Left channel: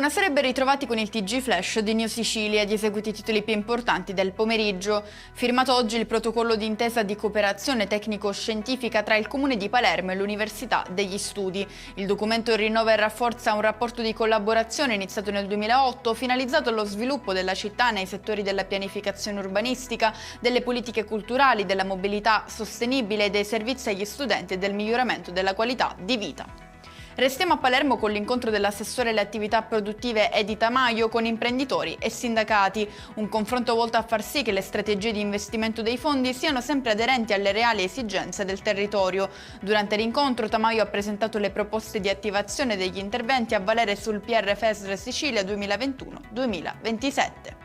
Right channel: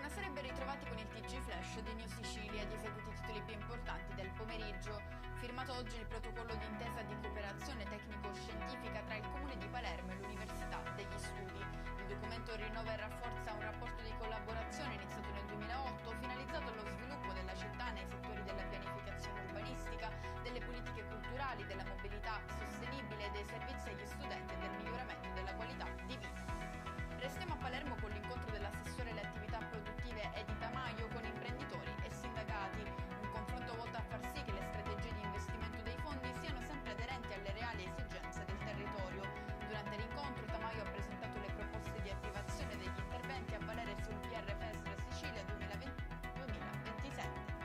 Buonasera e ben ritrovati con il TG Flash di New Sicilia, di eseguiti i titoli più importanti del pomeriggio. Firmato oggi il protocollo d'intesa di cooperazione tecnico-scientifica tra il Comune di Palermo e l'Università degli Studi. Il documento rinnova e rafforza un rapporto di collaborazione iniziato nel 2008, finalizzato allo sviluppo della città nei settori della pianificazione urbanistica, delle politiche culturali, della mobilità sostenibile, dei servizi agli studenti e del miglioramento della qualità di vita. Restiamo a Palermo con l'incontro dell'assessore alle attività produttive Edita Maio con imprenditori e sindacati, un confronto volto a far sì che le strategie di investimento dei fondi siano sempre aderenti alle reali esigenze del territorio. Durante l'incontro Tamaio ha presentato le proposte di attivazione degli interventi a valere sul PRFESR Sicilia 2021-2027.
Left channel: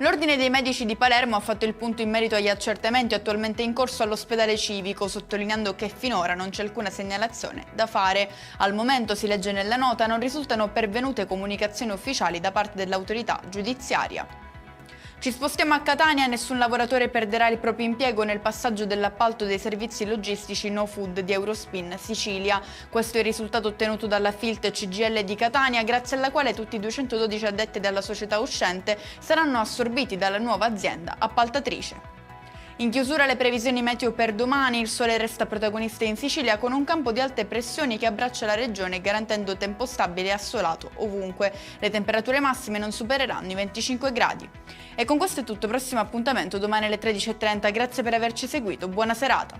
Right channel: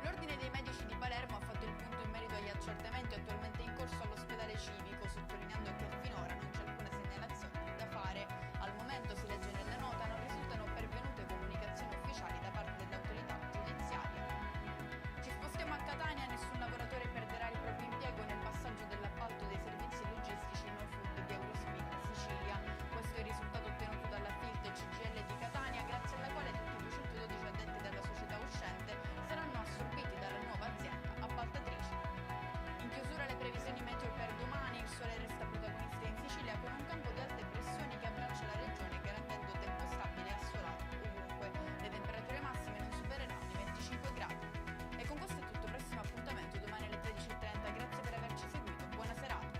L'Ordine dei Medici di Palermo ha fatto il punto in merito agli accertamenti attualmente in corso all'ospedale civico, sottolineando che finora non c'è alcuna segnalazione da fare. Al momento, si legge nella nota, non risultano pervenute comunicazioni ufficiali da parte dell'autorità giudiziaria. Ci spostiamo a Catania, nessun lavoratore perderà il proprio impiego nel passaggio dell'appalto dei servizi logistici No Food di Eurospin Sicilia. Questo è il risultato ottenuto dalla Filt CGIL di Catania, grazie alla quale tutti i 212 addetti della società uscente saranno assorbiti dalla nuova azienda appaltatrice. In chiusura le previsioni meteo per domani, il sole resta protagonista in Sicilia con un campo di alte pressioni che abbraccia la regione garantendo tempo stabile e assolato ovunque. Le temperature massime non supereranno i 25 gradi. E con questo è tutto, prossimo appuntamento domani alle 13:30, grazie per averci seguito, buona serata!